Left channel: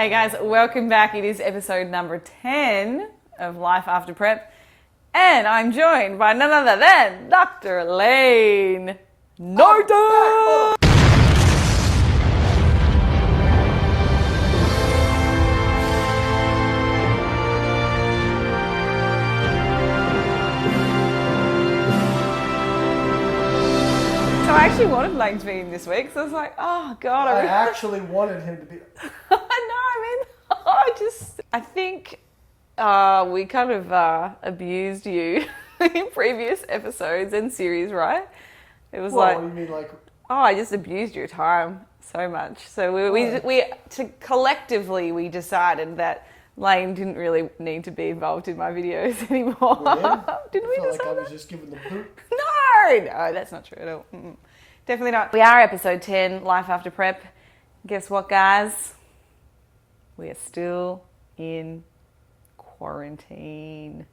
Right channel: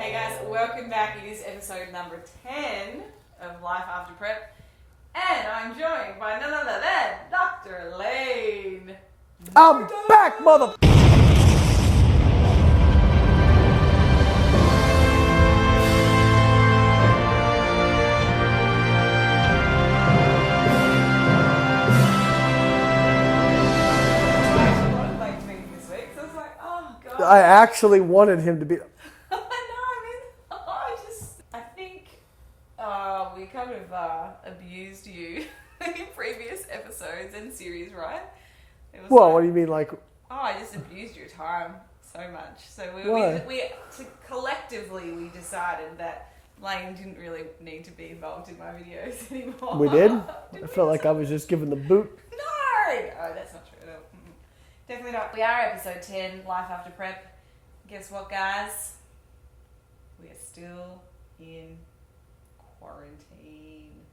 Hey guys, welcome back. It is episode number 10 of Life After Prep. And I'm joined by none other than Dr. Lane. I'm back, mother... I actually wanted Lane to be in this week, so I was like, oh god. I actually wanted him to be... I think we kind of abused you in previous episodes and series, right? It was what do you mean, like... Oh, I just abused your time so much. So collectively we decided that Lane didn't really need to be involved in my videos anymore. We did? Didn't I felt like I was just given the boot. No, that's not true at all. Definitely not. We are episode 10, Life After Prep. Guess what, guys? We are still in quarantine.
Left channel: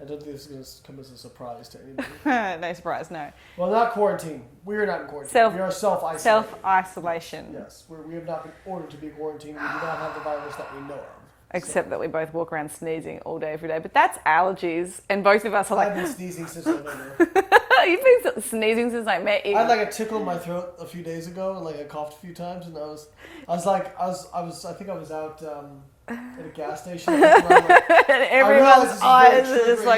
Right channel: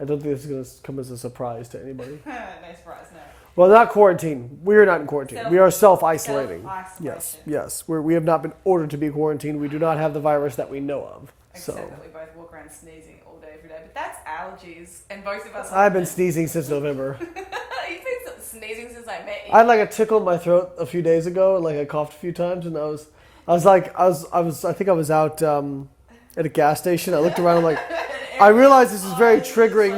I don't think this is going to come as a surprise to anybody. No surprise, no. Well, not quarantine. We are not in quarantine. We are self-isolating. Self-isolation. Yes. We have not been ordered to be quarantined. We do not have the virus that we know of. Except that we both walk around sneezing all day, every day. But that's allergies. And both of us are like... I've been sneezing since November. You've been sneezing since I met you. I had like a tickle in my throat a few days ago, and like I coughed a few times, and I think I was out at a gas station. I looked around like I realize this is very triggering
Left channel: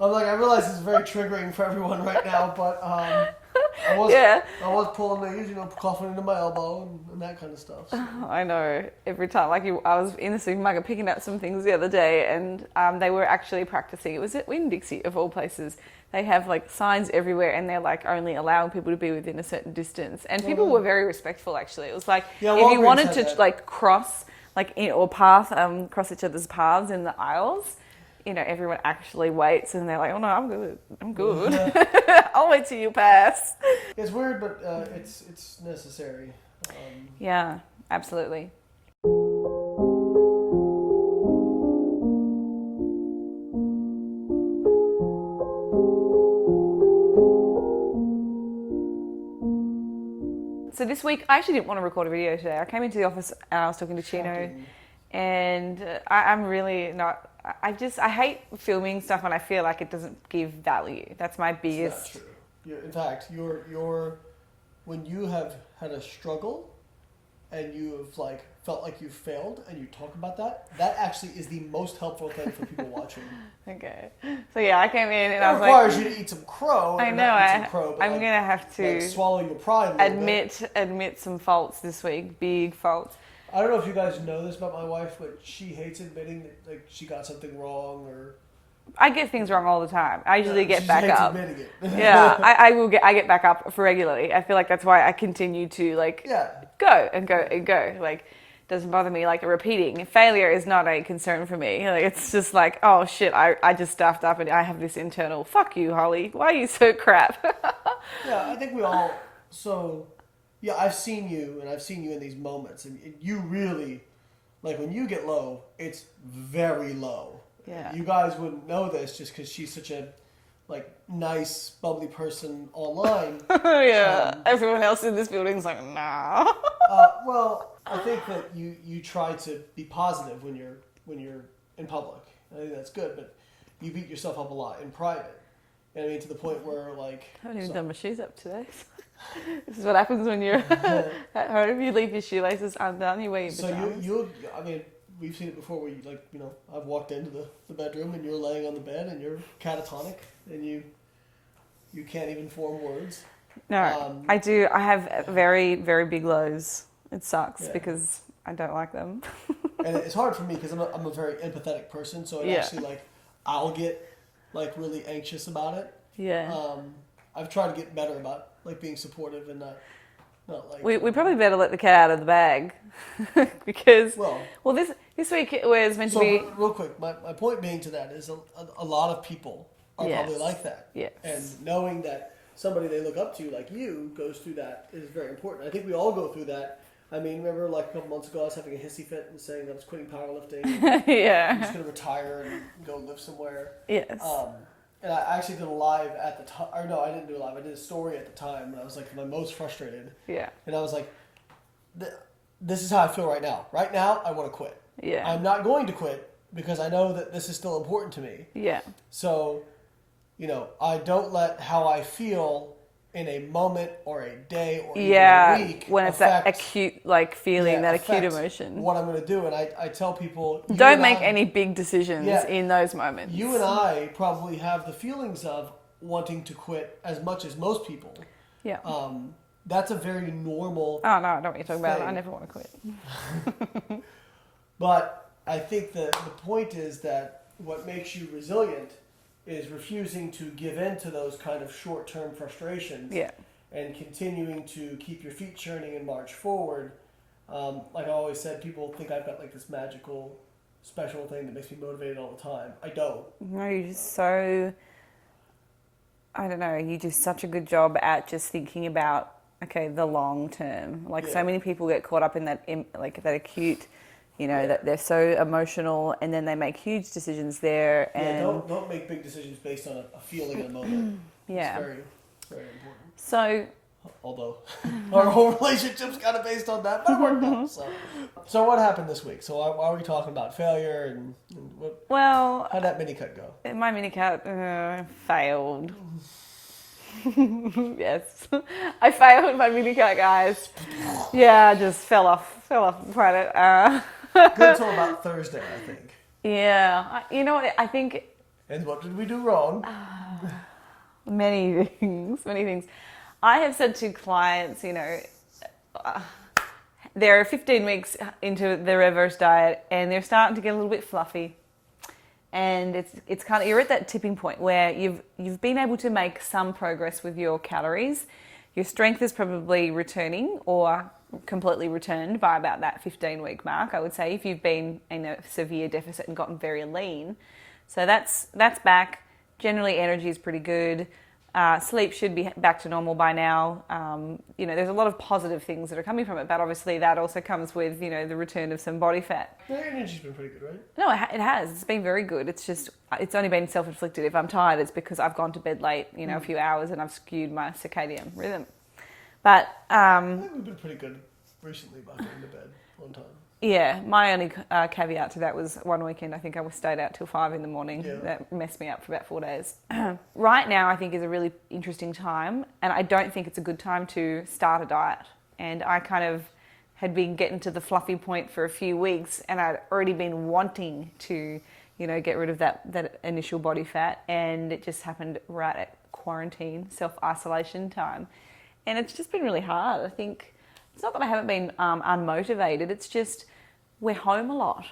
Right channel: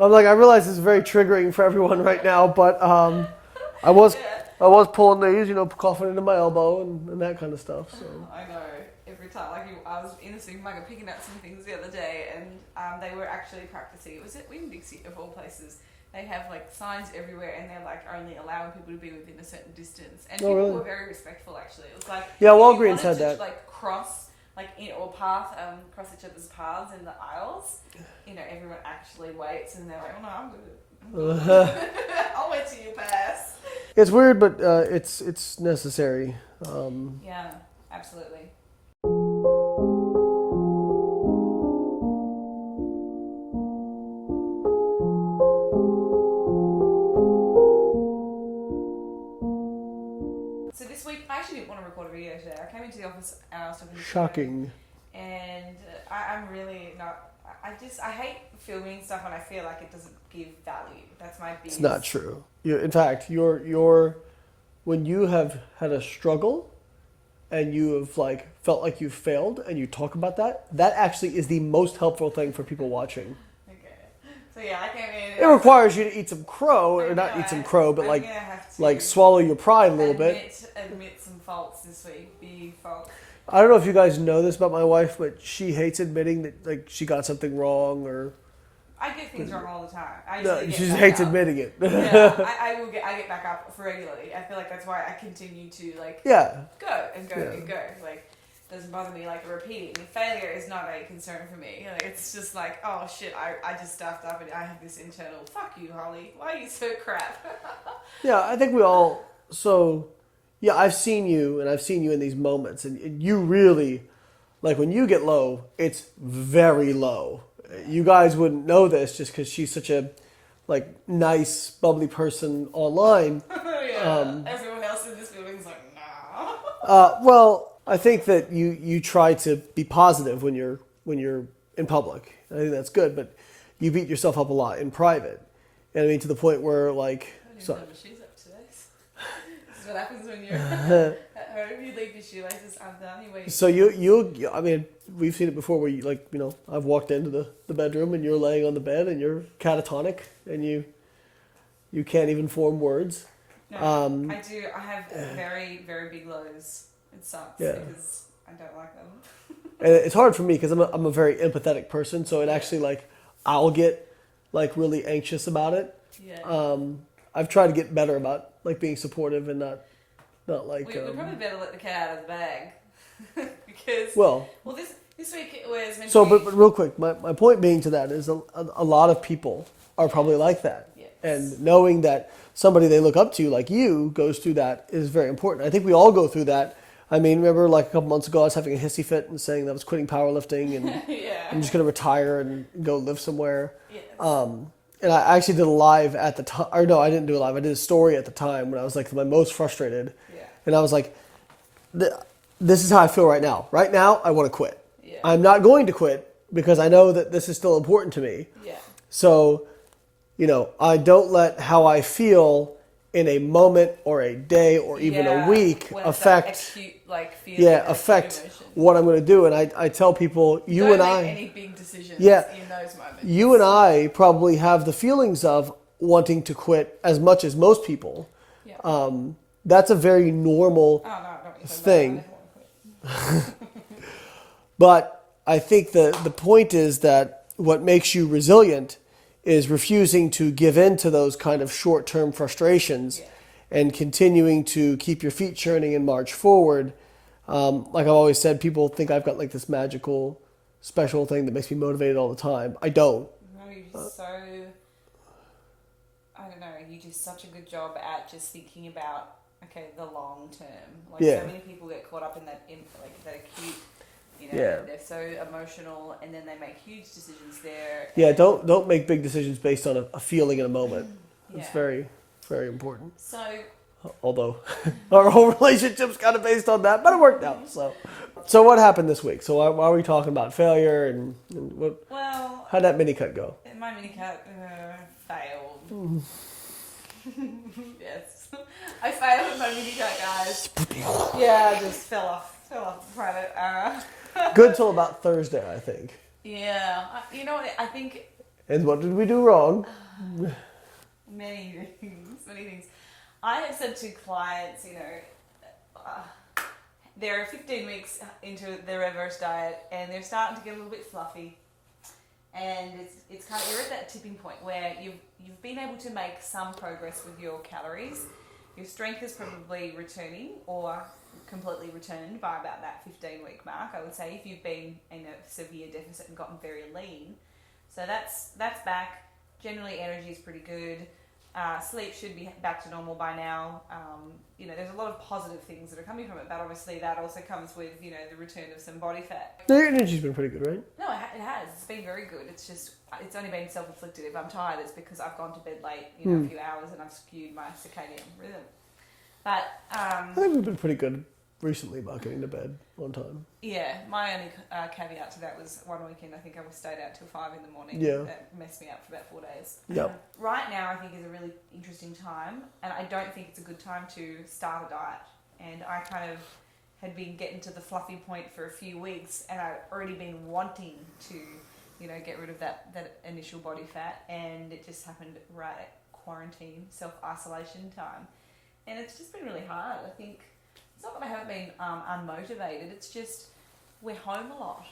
I realize this is very triggering for everyone right now, but I was pulling these, coughing into my elbow and that kind of stuff. So. I know. Every time, I was in the supermarket picking up some things the other day, and they were actually practicing. It was at Winn-Dixie, of all places. They have like signs everywhere, and they're like only allowing people to be within a certain distance. And people were very respectful. Actually, it was like if you wanted to like cross cross each other's paths in the aisles, everyone actually waits, and they're like, "Oh no, I'm good. I'll wait till you pass." It's weird, but it's necessary. Yeah, absolutely. So this week, I actually didn't want to record a video today. I came into the office and I was talking to Chino, and I'm really not... I hate filming stuff when I feel like it doesn't give value. That's my biggest... It's not true. In fact, when you have had a struggle and you have felt like you failed and you talk about that actually is the most helpful thing for people watching. Okay. So yeah, I came in and it requires you to eat some crow, but I'm gonna have to swallow your pride a little bit. Admit some faults this week, big faults. I don't know if you guys know this about my wife, but she hates admitting that she got something wrong or. I get things wrong all the time. I usually get back up. She hates admitting it. Yeah, I get back up for regularly. I feel like that's why I continue to go and go and go. Doesn't bother me repeating. Failure is not a concern for me. It's just like, oh shit, I just stuffed up and I have this internal, fuck you, Holly. Why are you so crap? Yeah, I think we all, I've seen you in these moments and you really, when you get low, it's very low. Yeah. You guys wouldn't know this just because she's such a nice, bubbly person online. Yeah, everyone else in this building's like, nah. Well, I think that you try to be positive when you're in public. I think that's good, but you beat yourself up a lot in private. And I mean to the point where I haven't even done my shoes up today. This is what happens when you're at home. You leave your shoelaces undone. You wait. So I mean, we've seen it before where I've walked into the bedroom and you're laying on the bed and you're catatonic and you can't even form words. No, I do. I have very, very big lows. It sucks because I don't like them. And it's hard for me because I'm a very empathetic person, so it actually I'll get really anxious about it. Yeah. I've tried to get better about being supportive and not we probably better let the cat out of the bag because this week it was meant to be. But real quick, my point being to that is a lot of people are probably like that. Yes. And knowing that somebody they look up to like you goes through that is very important. I think we all go through that. I mean, remember a couple months ago I was having a hissy fit and saying that I was quitting powerlifting and I'm just going to retire and go live somewhere. Yes. And I actually did a live at the time. Or no, I didn't do a live. I did a story at the time when I was my most frustrated. Yeah. And I was like, this is how I feel right now. Right now, I want to quit. Yeah. I'm not going to quit because I know that this is still important to me. Yeah. So, I don't let how I feel in a moment or a day or even a week when it's affect that acute feeling, that acute emotion. What I'm going to do. And I tell people, don't make any big decisions in those moments. You and I probably have the feelings of wanting to quit as much as most people. Yeah. That's a very normal Oh, no, I don't want you to talk about it. I never want to quit. But I think the point is that what makes you resilient is refusing to give in to those kind of short-term frustrations and continuing to keep your feet churning and march forward. Like I've always said, people think I've got like this magical, special thing that makes me motivated all the time. I don't. No, you're just so... I don't know, you do such a good job at just thinking about, the long term. So many people get caught up in that, that acute... that they're so emotional, and then they make huge decisions there. And don't make big decisions based on a feeling in a moment. Yeah. It's very, very important. So, although our whole relationship's kind of based on that, but it worked out. So what happened this week? So why are we talking about failure and what? Well, how'd that mini cut go? My mini cut failed. Yes, I failed my mini cut, guys. Yeah, I just fell off credit. Good till about Thursday, I think. Yeah. You know what? I think... And what did we do wrong? Many things. I have said to clients, they're 15 weeks into their reverse diet and they're starting to get a little bit fluffy. And it's kind of, you're at that tipping point where you've been able to make some progress with your calories. Your strength is probably returning or completely returned by about that 15-week mark, I would say, if you've been in a severe deficit and gotten very lean. So that's back. Generally, energy is pretty good. Sleep should be back to normal by now. There's a lot of positive things that are coming from it, but obviously that also comes with, the return of some body fat. The energy's been pretty good, right? No, it has. It's been very good. It's just, it's only been self-inflicted. If I'm tired, it's because I've gone to bed late, a few hours, and I've skewed my circadian rhythm. But I think we've been pretty good recently about getting to bed on time. Yeah, my only caveat to that was one weekend I think I stayed out till 5 in the morning. Yeah. That messed me up for about 4 days. Yeah. Right now I think is a really interesting time, and I don't think it's a good time to start a diet. And I kind of had been getting to the fluffy point for a few weeks, and I'd already been wanting to, get rid of that initial body fat, and it just happened right at quarantine, self-isolation time. And it's just been really hard. I think it's not that I haven't been unmotivated. It's just we're home a lot.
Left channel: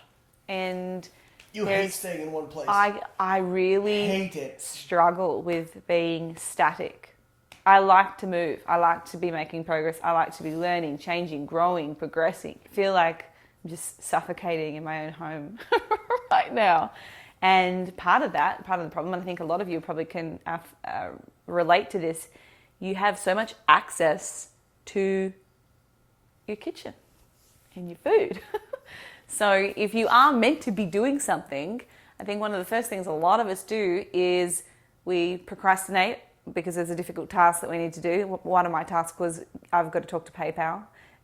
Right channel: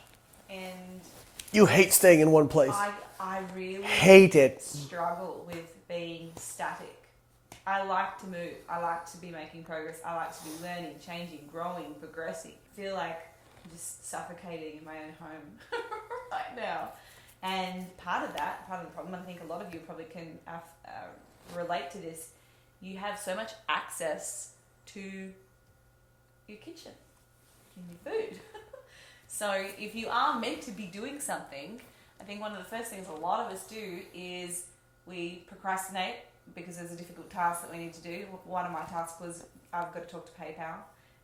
And you hate staying in one place. I really hate it. Struggle with being static. I like to move. I like to be making progress. I like to be learning, changing, growing, progressing. I feel like I'm just suffocating in my own home right now. And part of the problem, and I think a lot of you probably can relate to this, you have so much access to your kitchen and your food. So if you are meant to be doing something, I think one of the first things a lot of us do is we procrastinate because there's a difficult task that we need to do. One of my tasks was I've got to talk to PayPal,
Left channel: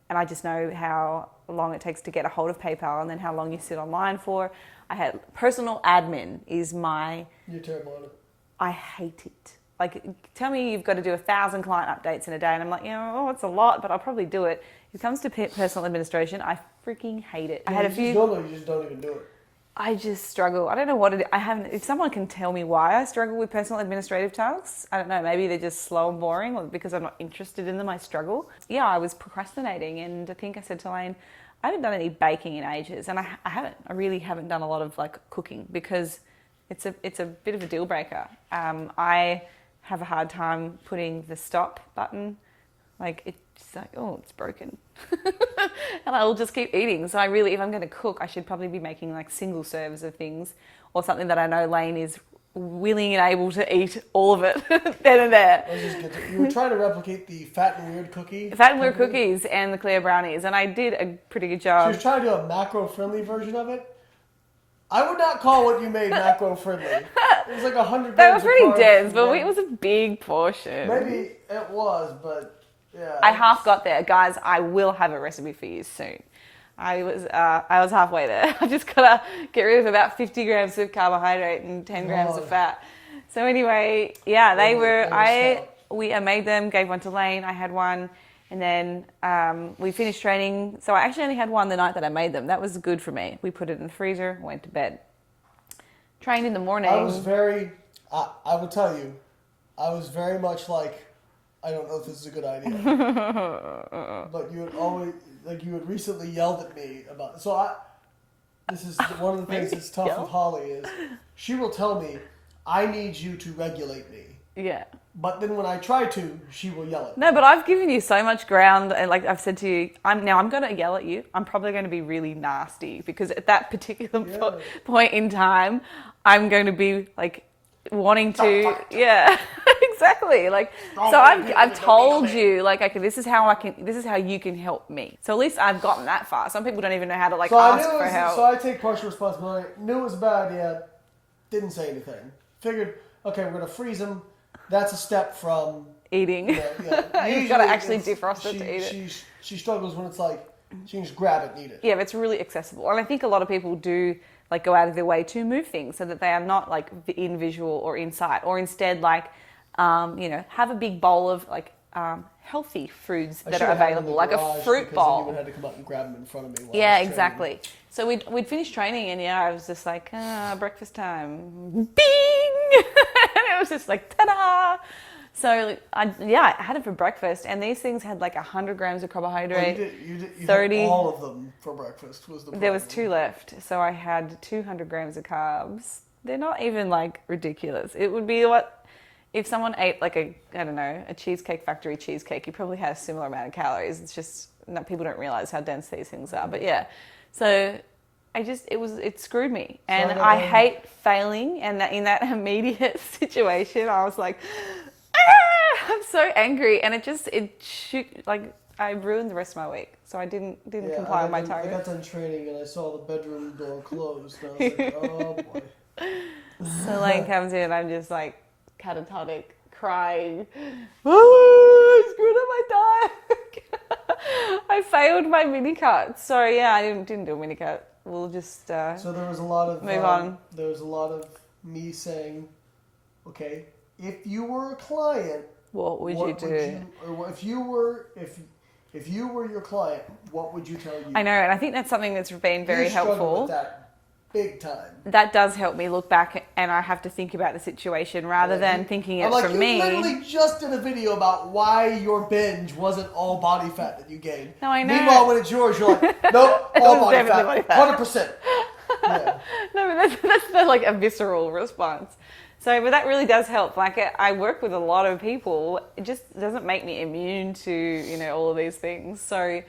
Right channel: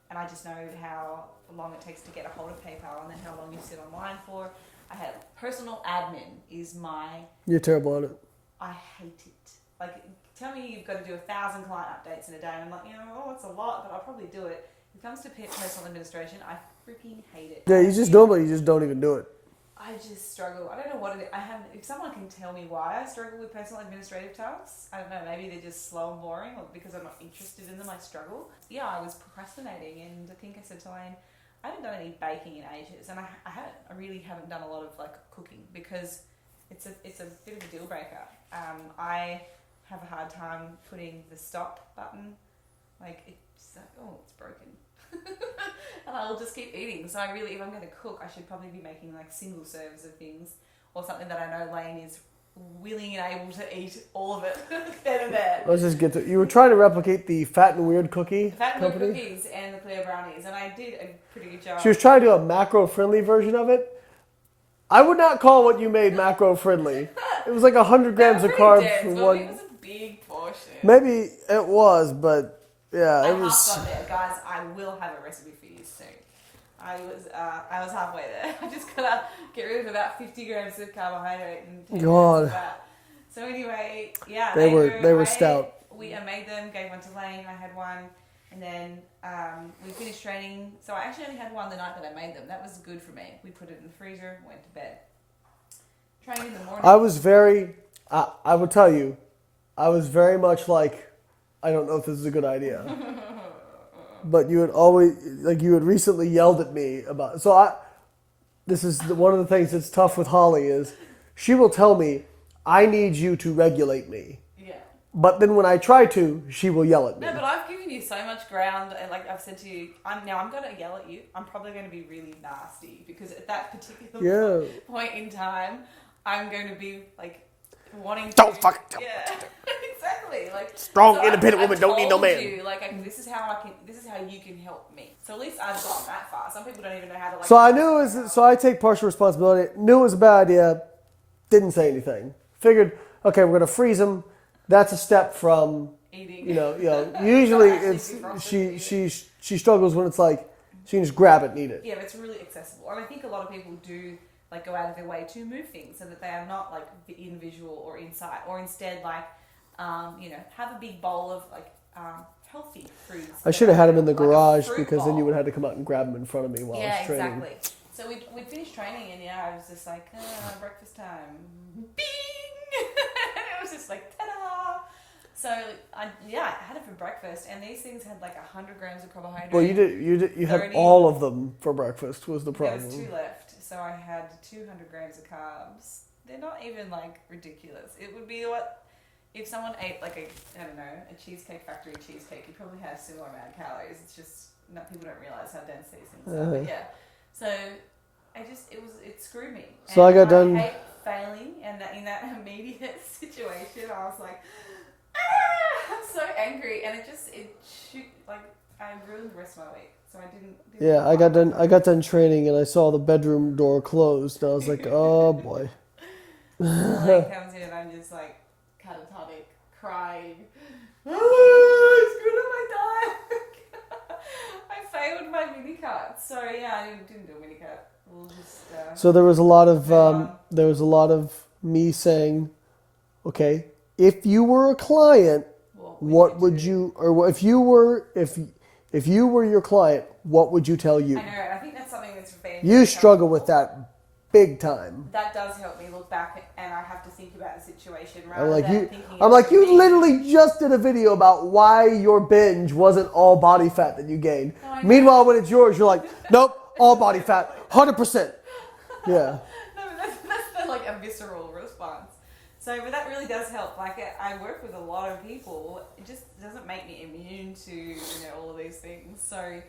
and I just know how long it takes to get a hold of PayPal and then how long you sit online for. I had personal admin is my... You're terrible at it. I hate it. Like, tell me you've got to do 1,000 client updates in a day, and I'm like, it's a lot, but I'll probably do it. If it comes to personal administration, I freaking hate it. Yeah, you just don't even do it. I just struggle. I don't know what it is. If someone can tell me why I struggle with personal administrative tasks, I don't know, maybe they're just slow and boring, or because I'm not interested in them, I struggle. Yeah, I was procrastinating, and I think I said to Lane, I haven't done any baking in ages, and I haven't. I really haven't done a lot of cooking because it's a bit of a deal breaker. I have a hard time putting the stop button. It's broken. And I will just keep eating. So if I'm going to cook, I should probably be making single serves of things, or something that I know Lane is willing and able to eat all of it then and there. I was just good. You were trying to replicate the Fat and Weird cookie. Fat and Weird cookies and the Clear brownies, and I did a pretty good job. She was trying to do a macro-friendly version of it. I would not call what you made macro-friendly. It was 100 grams of carbs. They were pretty dense, but it was a big portion. Maybe it was, but yeah. I half got there. Guys, I will have a recipe for you soon. I was halfway there. I just gotta get rid of about 50 grams of carbohydrate and 10 grams of fat. So anyway, yeah, they were stout. I made them, gave one to Lane. I had one, and then we finished training. So I actually only had one the night that I made them. That was good for me. We put it in the freezer, went to bed. Trained in the morning. I was very, I would tell you, I was very much like, I don't know if this is a good idea. But you had always, like you had recently yelled at me about, this is one of the things that's tough with Holly is, she will tell me, I need you to regulate me. Yeah. But then when I try to, she will yell at me. No, but I've given you so much ground, and like I've said to you, I'm going to yell at you. I'm probably going to be really nasty because at that particular point in time, I'm going to be like wanting to, exactly. Like, strong, so I've told you, like, okay, this is how you can help me. So at least I've gotten that far. Some people don't even know how to like ask for help. So I take partial responsibility. Knew it was a bad idea. Didn't say anything. Figured, okay, we're going to freeze them. That's a step from eating. Usually actually defrost it to eat she struggles when it's like she can just grab it and eat it. Yeah, but it's really accessible, and I think a lot of people do like go out of their way to move things so that they are not like in visual or in sight, or instead like have a big bowl of like healthy foods. I should have had them in the garage because then you would have to come out and grab them in front of me. While I was exactly. So we'd finished training, and I was just like, breakfast time, bing, and it was just like ta-da. So I had it for breakfast, and these things had like 100 grams of carbohydrate. Well, you had all of them for breakfast. Was the problem? There was 2 left, so I had 200 grams of carbs. They're not even like ridiculous. It would be what if someone ate like a Cheesecake Factory cheesecake. You probably had a similar amount of calories. It's just people don't realize how dense these things are. But yeah. So it screwed me, and I hate failing. And in that immediate situation, I was like, I'm so angry, and I ruined the rest of my week. So I didn't. Yeah, I got done training, and I saw the bedroom door closed. I was like, oh boy. So Lane comes in, and I'm just like catatonic, crying. Oh, I screwed up my diet. I failed my mini cut. So yeah, I didn't do a mini cut. We'll just so there was a lot of there was a lot of me saying, okay, if you were a client, what would you or if you were your client, what would you tell you? I know, and I think that's something that's been very helpful. You struggle with that big time. That does help me look back, and I have to think about the situation rather than thinking it from me. You literally just did a video about why your binge wasn't all body fat that you gained. No, I know. Meanwhile, when it's yours, you're like, nope, all body fat, 100%. Yeah. No, but that's like a visceral response. So, but that really does help. Like, I work with a lot of people. It just doesn't make me immune to, all of these things. So, it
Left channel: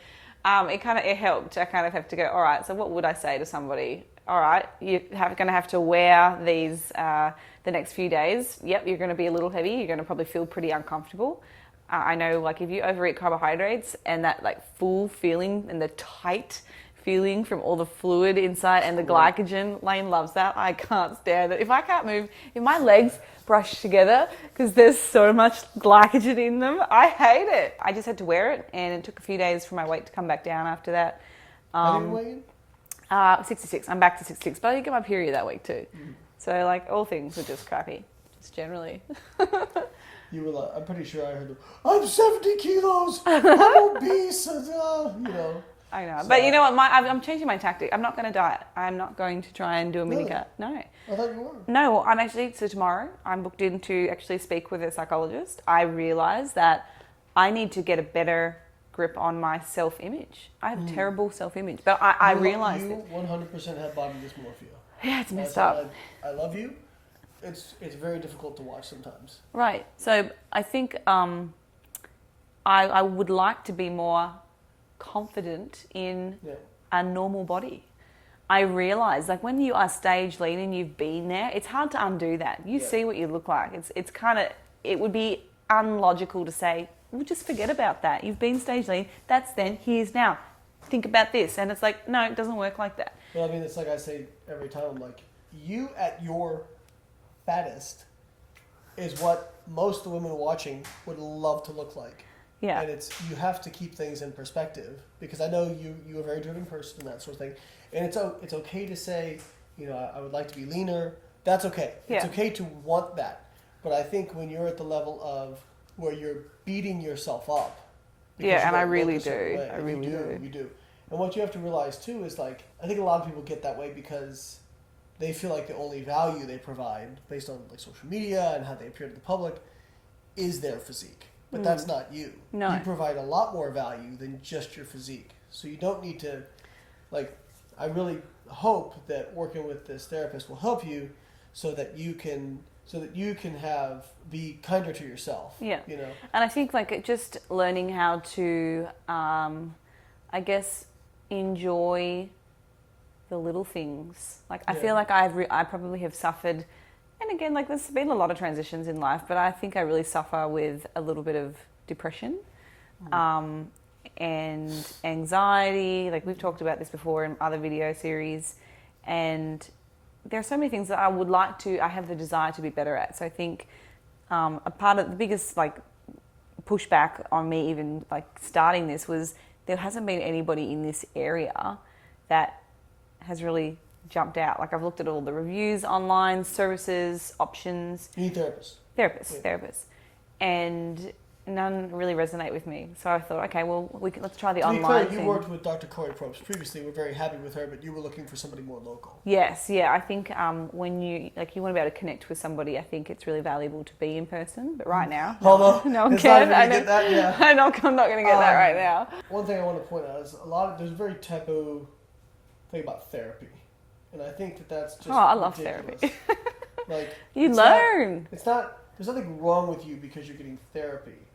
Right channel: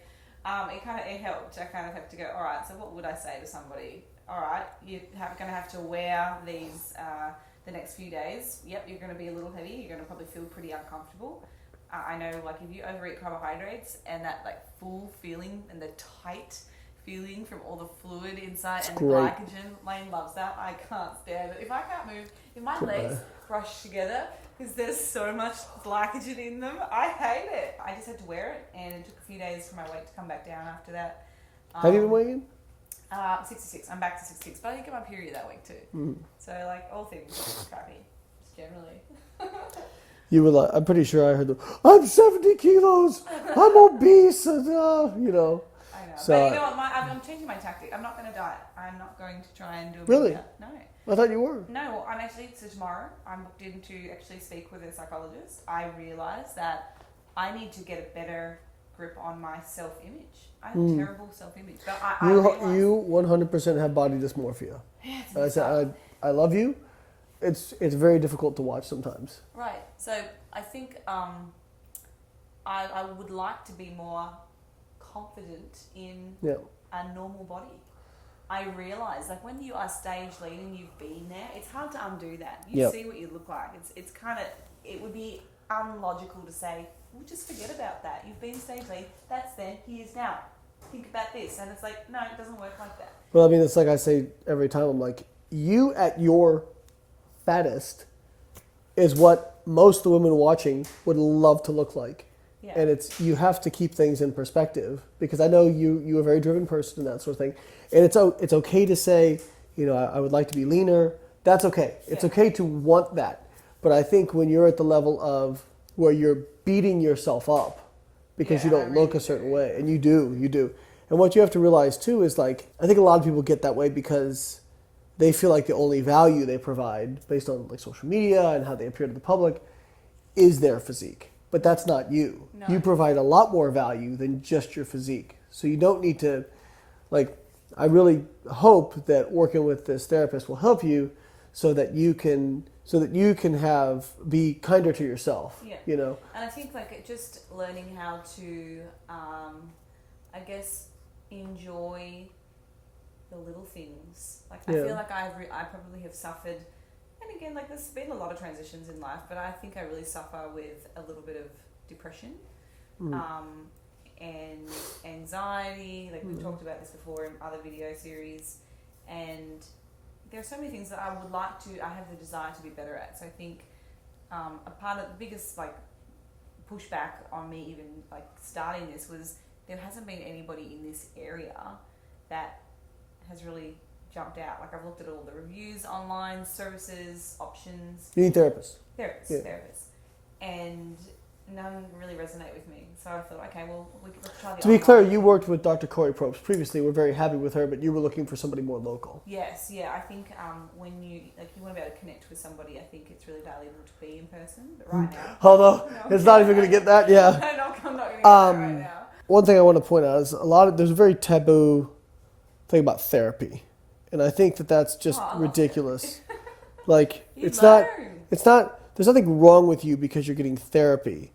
helped. I kind of have to go, all right, so what would I say to somebody? All right, you're going to have to wear these the next few days. Yep, you're going to be a little heavy. You're going to probably feel pretty uncomfortable. I know, like, if you overeat carbohydrates and that, like, full feeling and the tight feeling from all the fluid inside and the glycogen, Lane loves that. I can't stand it. If I can't move, if my legs brush together because there's so much glycogen in them, I hate it. I just had to wear it, and it took a few days for my weight to come back down after that. How do you weigh in? 66. I'm back to 66, but I did get my period that week too. So like all things are just crappy, just generally. You were like, I'm pretty sure I heard I'm 70 kilos, I'm obese, I know. So, but you know what? I'm changing my tactic. I'm not going to diet. I'm not going to try and do a mini cut. No. I thought you were. No, I'm actually, so tomorrow I'm booked in to actually speak with a psychologist. I realised that I need to get a better grip on my self-image. I have terrible self-image, but I realize you 100% have body dysmorphia. Yeah, it's messed up. I love you. It's very difficult to watch sometimes. Right. So I think I would like to be more confident in a normal body. I realize, like, when you are stage lean and you've been there, it's hard to undo that. You see what you look like. It's kind of, it would be unlogical to say, well, just forget about that. You've been stage lean. That's then. Here's now. Think about this. And it's like, no, it doesn't work like that. Well, I mean, it's like I say every time. I'm like, you at your fattest is what most of the women watching would love to look like. Yeah. And you have to keep things in perspective, because I know you're a very driven person and that sort of thing. And it's okay to say, I would like to be leaner. That's okay. It's okay to want that. But I think when you're at the level of where you're beating yourself up because you don't look a certain way, and you do. And what you have to realize too is, like, I think a lot of people get that way because they feel like the only value they provide based on like social media and how they appear to the public is their physique. But that's not you. No. You provide a lot more value than just your physique. So you don't need to, like, I really hope that working with this therapist will help you so that you can be kinder to yourself. Yeah. And I think, like, just learning how to, I guess, enjoy the little things. Like, I feel like I probably have suffered, and again, like, there's been a lot of transitions in life, but I think I really suffer with a little bit of depression, and anxiety. Like, we've talked about this before in other video series, and there are so many things that I have the desire to be better at. So I think a part of the biggest, like, pushback on me even, like, starting this was there hasn't been anybody in this area that has really jumped out. Like, I've looked at all the reviews online, services, options. You need therapists. Therapists. And none really resonate with me. So I thought, okay, well, let's try the online. To be clear, you worked with Dr. Corey Probst previously. We're very happy with her, but you were looking for somebody more local. Yes, yeah. I think when you want to be able to connect with somebody, I think it's really valuable to be in person. But right now, although it's not even going to get that. Yeah, I'm not going to get that right now. One thing I want to point out is there's a very taboo thing about therapy, and I think that's just ridiculous. Like, it's not. There's nothing wrong with you because you're getting therapy.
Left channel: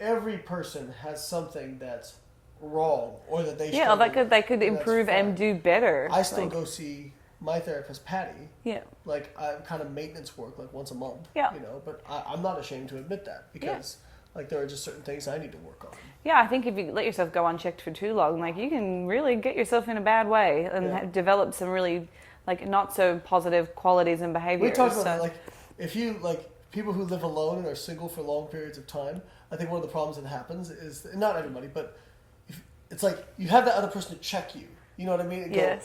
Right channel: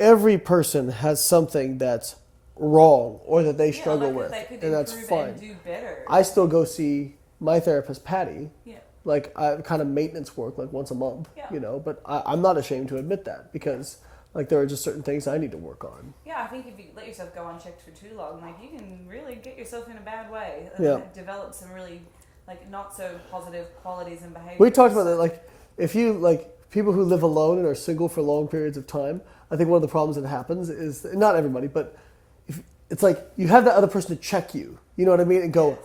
Every person has something that's wrong or that they struggle with. They could improve and do better. I still go see my therapist, Patty. Yeah. Like, kind of maintenance work, like once a month. Yeah. But I'm not ashamed to admit that because like, there are just certain things I need to work on. Yeah, I think if you let yourself go unchecked for too long, like, you can really get yourself in a bad way and develop some really, like, not so positive qualities and behaviors. We talked about that, like, if you, like, people who live alone and are single for long periods of time, I think one of the problems that happens is, not everybody, but it's like you have that other person to check you, you know what I mean? And go,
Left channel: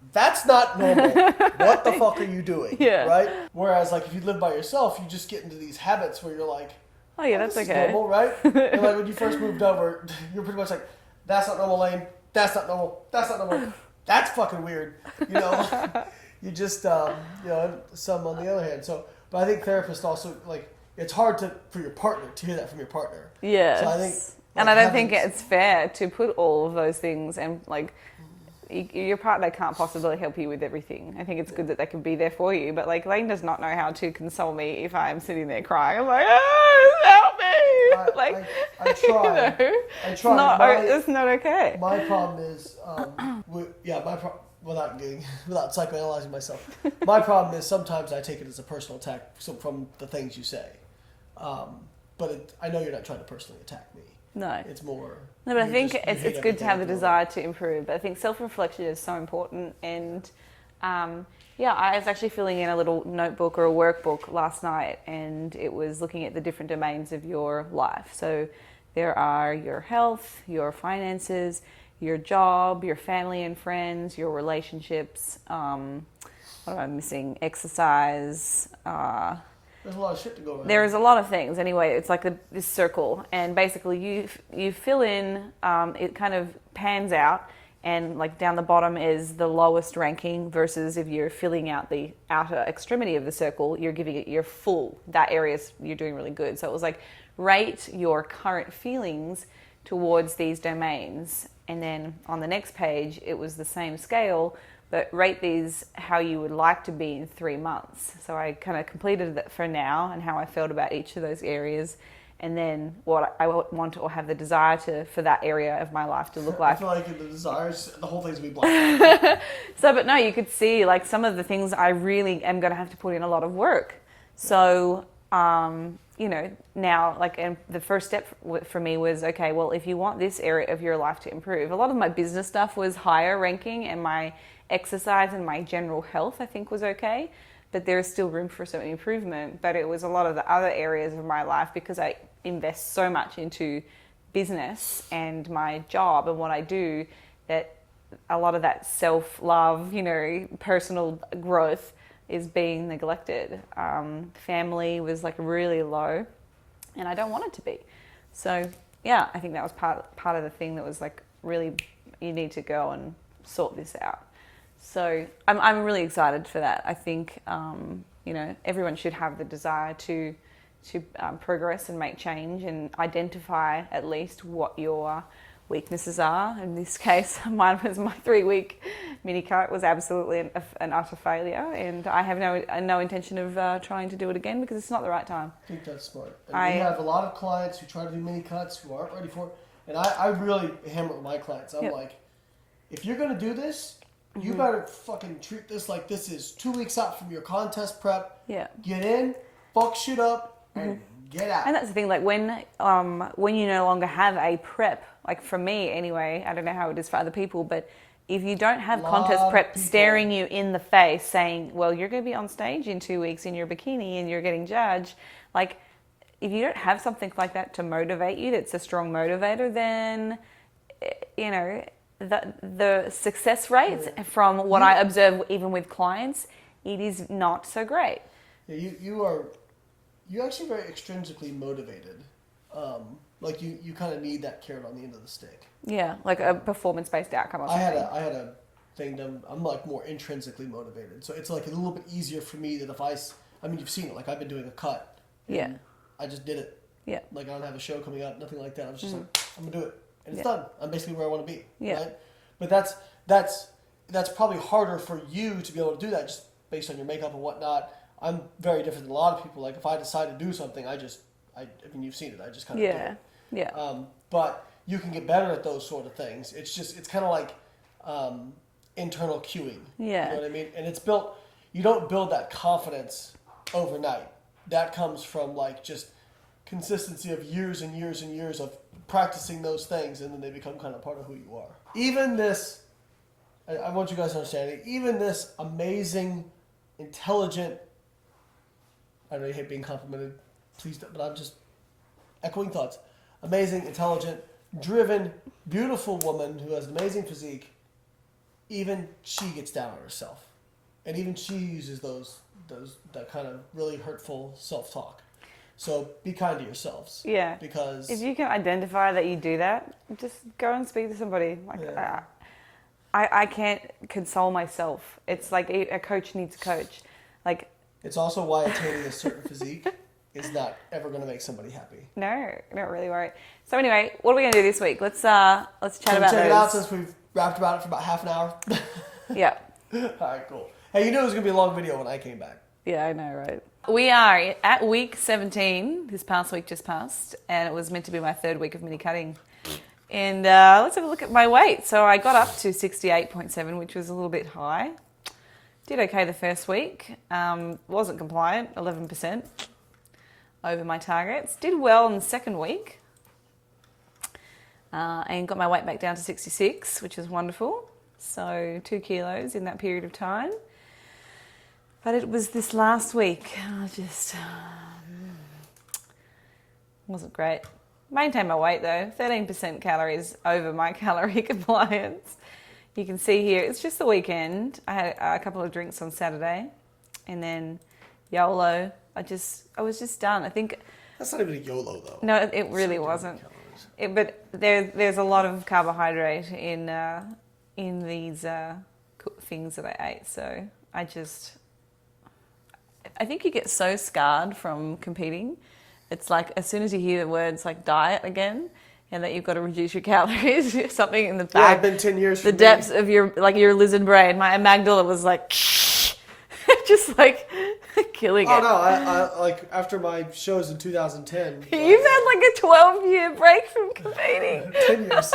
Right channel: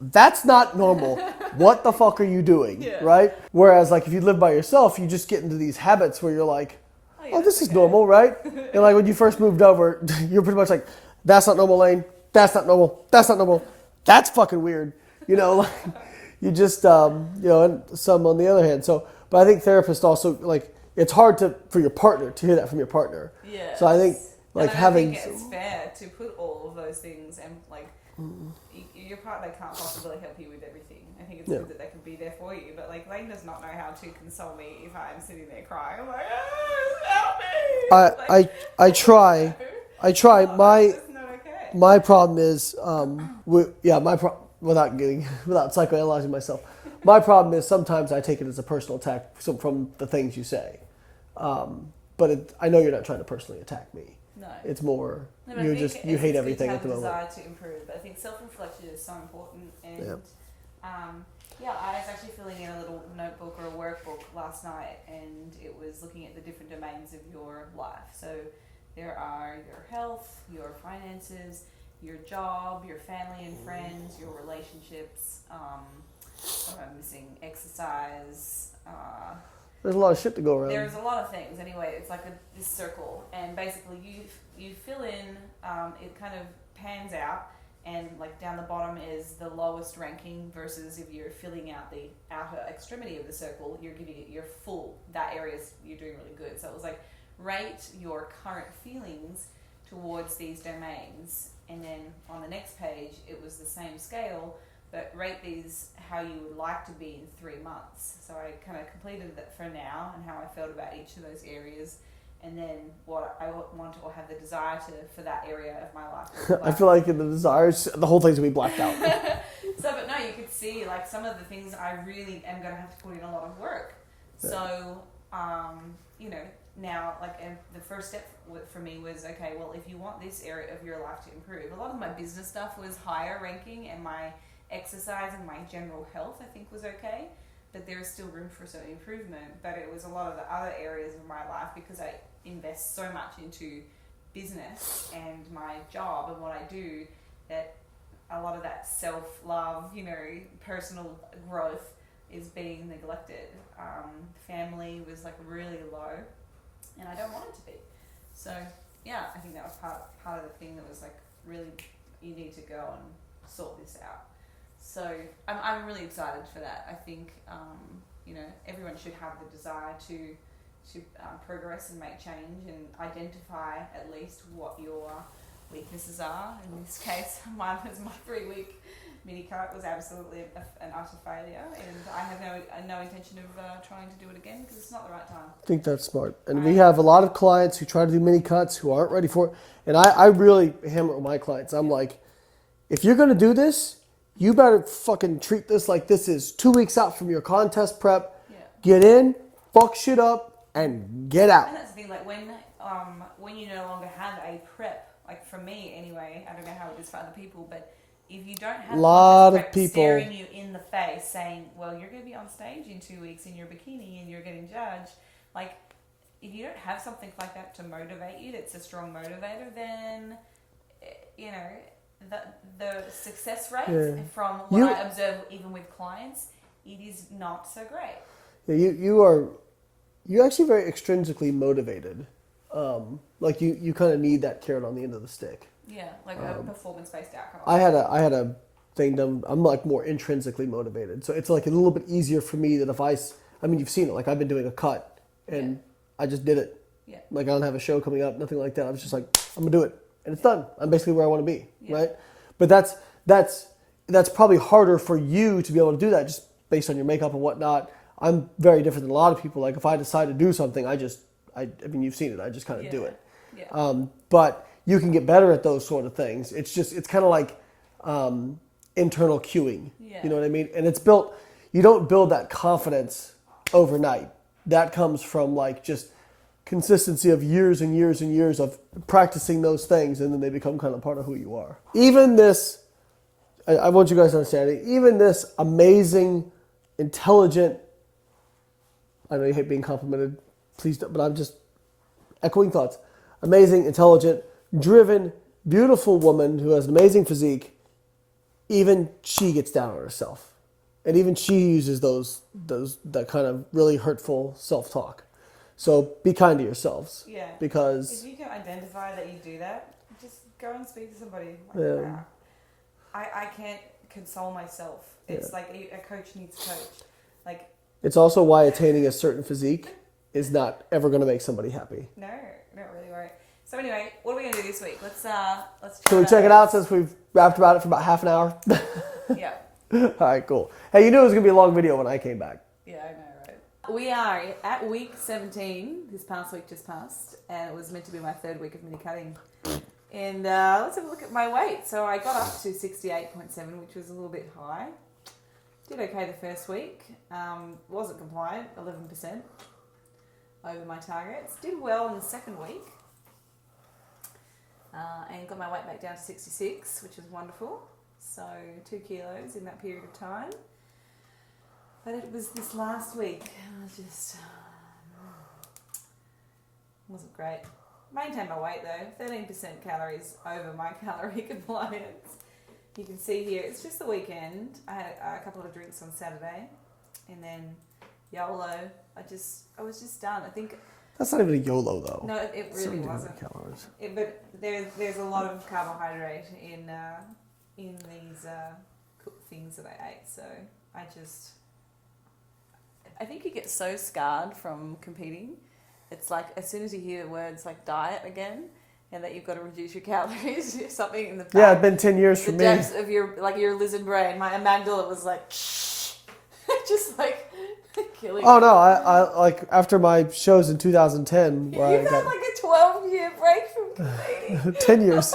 that's not normal. What the fuck are you doing? Yeah. Right? Whereas, like, if you live by yourself, you just get into these habits where you're like, this is normal, right? And, like, when you first moved over, you're pretty much like, that's not normal, Lane. That's not normal. That's not normal. That's fucking weird. You just, and some on the other hand. So, but I think therapists also, like, it's hard for your partner to hear that from your partner. Yeah. So I think, like, and I don't think it's fair to put all of those things, and, like, your partner can't possibly help you with everything. I think it's good that they can be there for you, but, like, Lane does not know how to console me if I'm sitting there crying. I'm like, help me! I try. I try. It's not okay. My problem is, without psychoanalyzing myself, my problem is sometimes I take it as a personal attack from the things you say. But I know you're not trying to personally attack me. No. It's more... No, but I think it's good to have the desire to improve. But I think self-reflection is so important. And, I was actually filling in a little notebook or a workbook last night, and it was looking at the different domains of your life. So there are your health, your finances, your job, your family and friends, your relationships, what am I missing? Exercise, there's a lot of shit to go around. There's a lot of things. Anyway, it's like this circle, and basically you fill in. It kind of pans out, and, like, down the bottom is the lowest ranking. Versus if you're filling out the outer extremity of the circle, you're giving it your full. That area's you're doing really good. So it was like, rate your current feelings towards these domains, and then on the next page it was the same scale. But rate these how you would like to be in 3 months. So I kind of completed that for now and how I felt about each of those areas. And then what I want or have the desire for that area of my life to look like. I feel like in the desires, the whole thing's going to be blacked out. But no, you could see, like, some of the things I really am going to have to put in a lot of work. Yeah. So, now, like, and the first step for me was, okay, well, if you want this area of your life to improve, a lot of my business stuff was higher ranking, and my exercise and my general health, I think, was okay, but there is still room for some improvement. But it was a lot of the other areas of my life, because I invest so much into business and my job and what I do that a lot of that self-love, personal growth is being neglected. Family was like really low, and I don't want it to be. So yeah, I think that was part of the thing that was like, really, you need to go and sort this out. So I'm really excited for that. I think everyone should have the desire to progress and make change and identify at least what your weaknesses are. In this case, mine was my 3-week mini cut was absolutely an utter failure, and I have no intention of trying to do it again because it's not the right time. I think that's smart. And we have a lot of clients who try to do mini cuts who aren't ready for it. And I really hammer with my clients. I'm like, if you're going to do this, you better fucking treat this like this is 2 weeks out from your contest prep. Yeah. Get in, fuck shit up, and get out. And that's the thing, like when you no longer have a prep, like for me anyway, I don't know how it is for other people, but if you don't have contest prep staring you in the face saying, well, you're going to be on stage in 2 weeks in your bikini and you're getting judged, like if you don't have something like that to motivate you, that's a strong motivator, then, the success rates from what I observe even with clients, it is not so great. Yeah, you're actually very extrinsically motivated. Like you kind of need that carrot on the end of the stick. Yeah, like a performance-based outcome. I had a thing done. I'm like more intrinsically motivated, so it's like a little bit easier for me that if I mean, you've seen it. Like I've been doing a cut, and I just did it. Yeah. Like I don't have a show coming up, nothing like that. I was just like, I'm gonna do it, and it's done. I'm basically where I want to be, right? But that's probably harder for you to be able to do that just based on your makeup and whatnot. I'm very different than a lot of people. Like if I decide to do something, I mean, you've seen it. I just kind of do it. Yeah. But you can get better at those sort of things. It's kind of like internal cueing. Yeah. You know what I mean? And it's built. You don't build that confidence overnight. That comes from like just consistency of years and years and years of practicing those things, and then they become kind of part of who you are. Even this, I want you guys to understand it. Even this amazing, intelligent. I know you hate being complimented, please, but I'm just echoing thoughts. Amazing, intelligent, driven, beautiful woman who has an amazing physique. Even she gets down on herself, and even she uses that kind of really hurtful self-talk. So be kind to yourselves. Yeah. Because if you can identify that you do that, just go and speak to somebody like that. I can't console myself. It's like a coach needs a coach. Like. It's also why attaining a certain physique is not ever going to make somebody happy. No, don't really worry. So anyway, what are we going to do this week? Let's chat about check it out since we've rapped about it for about half an hour. Yeah. All right, cool. Hey, you knew it was going to be a long video when I came back. Yeah, I know, right? We are at week 17. This past week just passed, and it was meant to be my 3rd week of mini cutting. And let's have a look at my weight. So I got up to 68.7, which was a little bit high. Did okay the first week. Wasn't compliant, 11% over my targets. Did well in the 2nd week. And got my weight back down to 66, which is wonderful. So 2 kilos in that period of time. But it was this last week, just wasn't great. Maintained my weight though, 13% calories over my calorie compliance. You can see here, it's just the weekend. I had a couple of drinks on Saturday, and then YOLO. I was just done. I think that's not even a YOLO though. No, it really wasn't. But there's a lot of carbohydrate in these things that I ate. So I think you get so scarred from competing. It's like as soon as you hear the words like diet again, and that you've got to reduce your calories, something in the back. Yeah, it's been 10 years for me. The depths of your lizard brain. My amygdala was like, just like killing it. Oh no, I like after my shows in 2010. You've had like a 12-year break from competing. 10 years.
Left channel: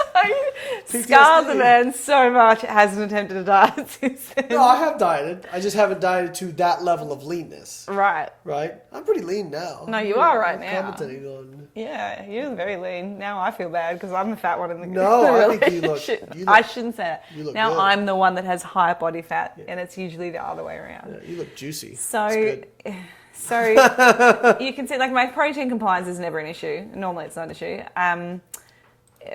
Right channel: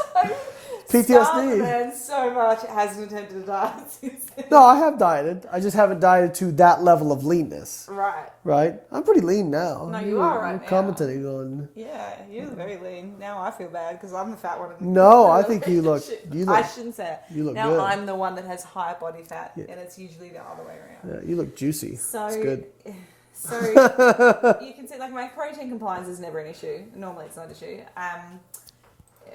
PTSD. Scarred the man so much, hasn't attempted a diet since then. No, I have dieted. I just haven't dieted to that level of leanness. Right. Right? I'm pretty lean now. No, you are right now. Commenting on. Yeah, you're very lean. Now I feel bad because I'm the fat one in the No, I think you look. I shouldn't say that. You look now good. I'm the one that has high body fat, and it's usually the other way around. Yeah, you look juicy. So, it's good. So you can see, like, my protein compliance is never an issue. Normally it's not an issue.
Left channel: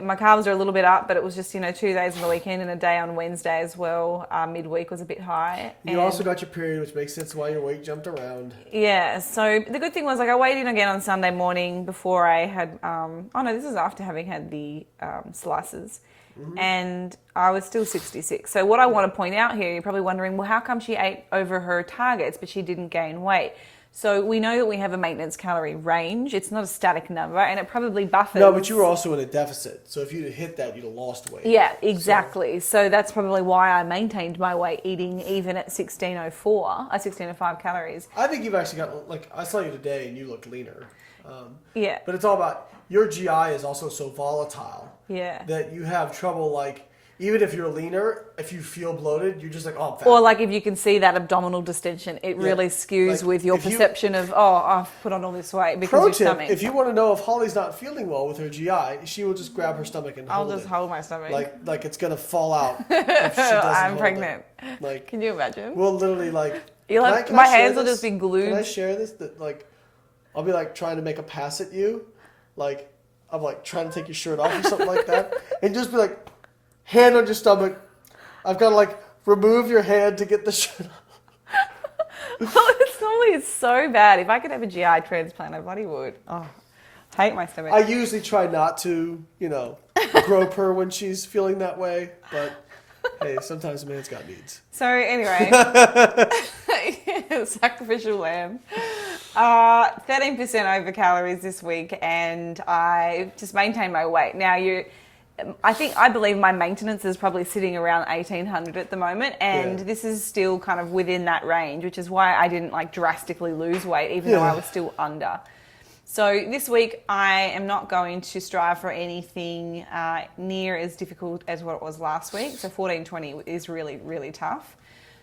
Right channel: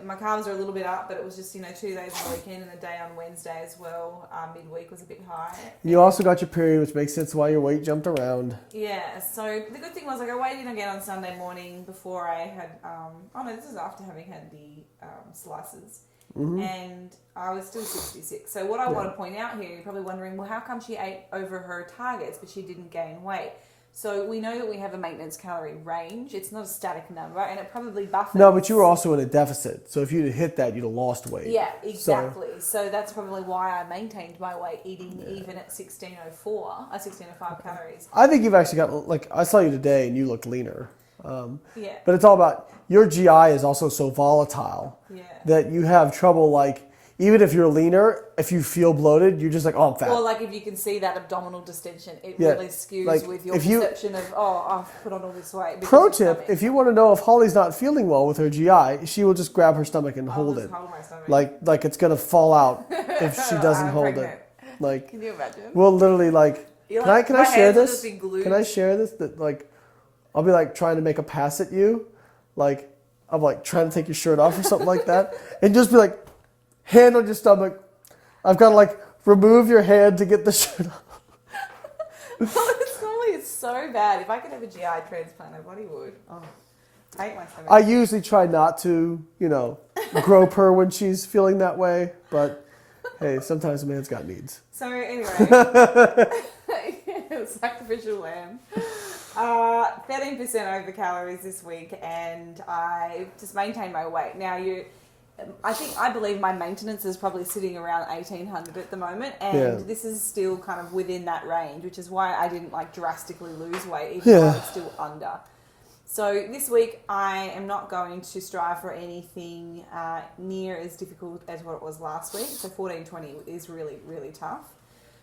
My carbs are a little bit up, but it was just, 2 days on the weekend and a day on Wednesday as well. Midweek was a bit high. You also got your period, which makes sense why your weight jumped around. Yeah, so the good thing was, like, I weighed in again on Sunday morning before I had, this is after having had the slices. Mm-hmm. And I was still 66. So what I want to point out here, you're probably wondering, well, how come she ate over her targets, but she didn't gain weight? So we know that we have a maintenance calorie range. It's not a static number, and it probably buffers. No, but you were also in a deficit. So if you'd hit that, you'd have lost weight. Yeah, exactly. So that's probably why I maintained my weight eating even at 1605 calories. I think you've actually got, like, I saw you today and you looked leaner. Yeah. But it's all about, your GI is also so volatile. Yeah. That you have trouble, like, even if you're leaner, if you feel bloated, you're just like, oh, I'm fat. Or like if you can see that abdominal distension, it really skews like with your perception of, I've put on all this weight because of your stomach. If you want to know if Holly's not feeling well with her GI, she will just grab her stomach and hold it. I'll just hold my stomach. Like it's going to fall out if she doesn't I'm hold pregnant. it. Like, can you imagine? We'll literally like, my hands will just be glued. Can I share this? That, like, I'll be like trying to make a pass at you. Like, I'm like trying to take your shirt off or something like that. And just be like, hand on your stomach. I've got to like remove your hand to get the shirt off. Well, it's so bad. If I could have a GI transplant, I bloody would. Oh, I hate my stomach. I usually try not to, grope her when she's feeling that way. But hey, sometimes a man's got needs. So anyway, sacrificial lamb. 13% over calories this week, and I just maintained my weight. Now I believe my maintenance is probably sitting around 1800 at the moment, and this is still kind of within that range, which is why I didn't like drastically lose weight, even though I was still under. So this week I am not going to strive for anything near as difficult as what it was last week. So 1420 is really, really tough.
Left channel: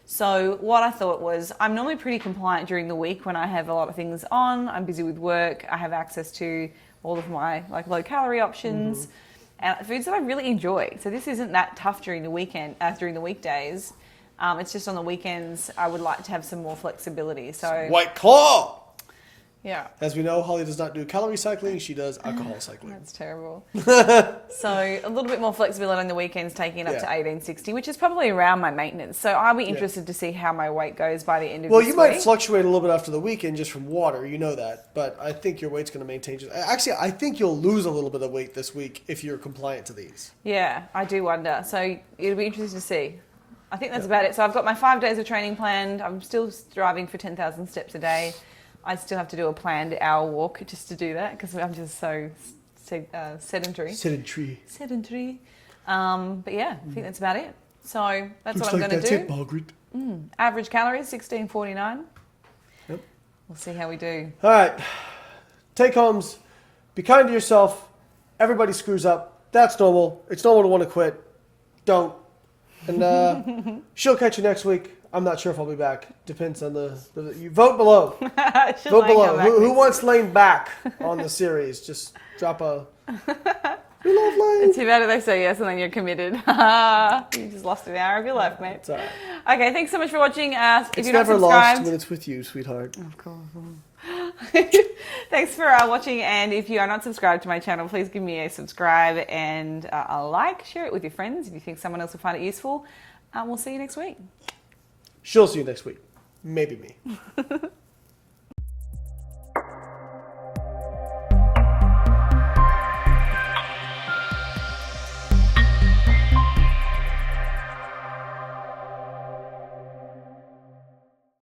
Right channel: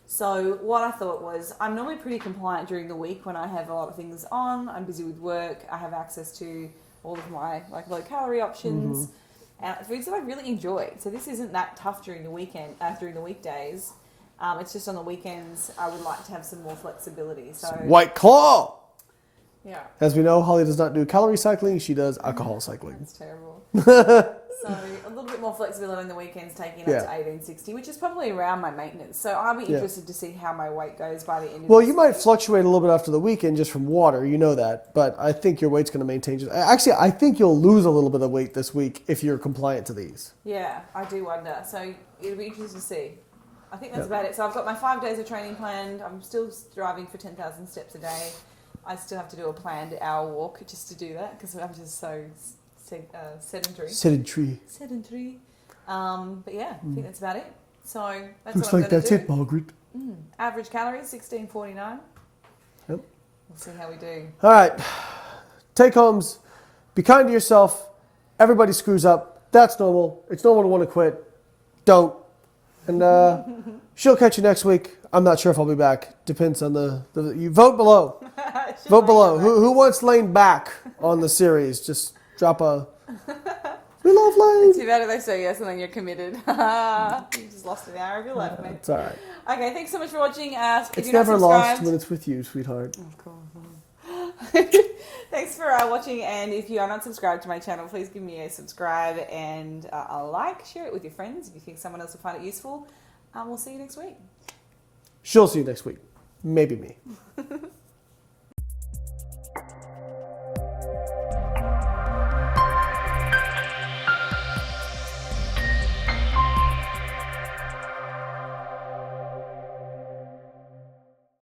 So what I thought was, I'm normally pretty compliant during the week when I have a lot of things on. I'm busy with work. I have access to all of my like low calorie options. Mm-hmm. And foods that I really enjoy. So this isn't that tough during the weekend, during the weekdays. It's just on the weekends I would like to have some more flexibility. So White Claw! Yeah. As we know, Holly does not do calorie cycling, she does alcohol cycling. That's terrible. So a little bit more flexibility on the weekends, taking it up to 1860, which is probably around my maintenance. So I'll be interested to see how my weight goes by the end of this week. Well, you might fluctuate a little bit after the weekend just from water, you know that. But I think your weight's going to maintain. Actually, I think you'll lose a little bit of weight this week if you're compliant to these. Yeah, I do wonder. So it'll be interesting to see. I think that's about it. So I've got my 5 days of training planned. I'm still striving for 10,000 steps a day. I still have to do a planned hour walk just to do that because I'm just so sedentary. But yeah, I think that's about it. So that's what I'm going to do. That's it, Margaret. Average calories, 1649. Yep. We'll see how we do. All right. Take homes. Be kind to yourself. Everybody screws up. That's normal. It's normal to want to quit. Don't. And she'll catch you next week. I'm not sure if I'll be back. Depends on you vote below. Vote below. Who wants Lane back on the series? Just drop a. We love Lane. Too bad if they say yes and then you're committed. You just lost an hour of your life, mate. It's all right. Okay, thanks so much for watching. It's never lost when it's with you, sweetheart. Of course. Thanks for watching, and if you are not subscribed to my channel, please give me a subscribe and a like. Share it with your friends if you think someone else will find it useful. We'll see you next week. She'll see you next week. Maybe me.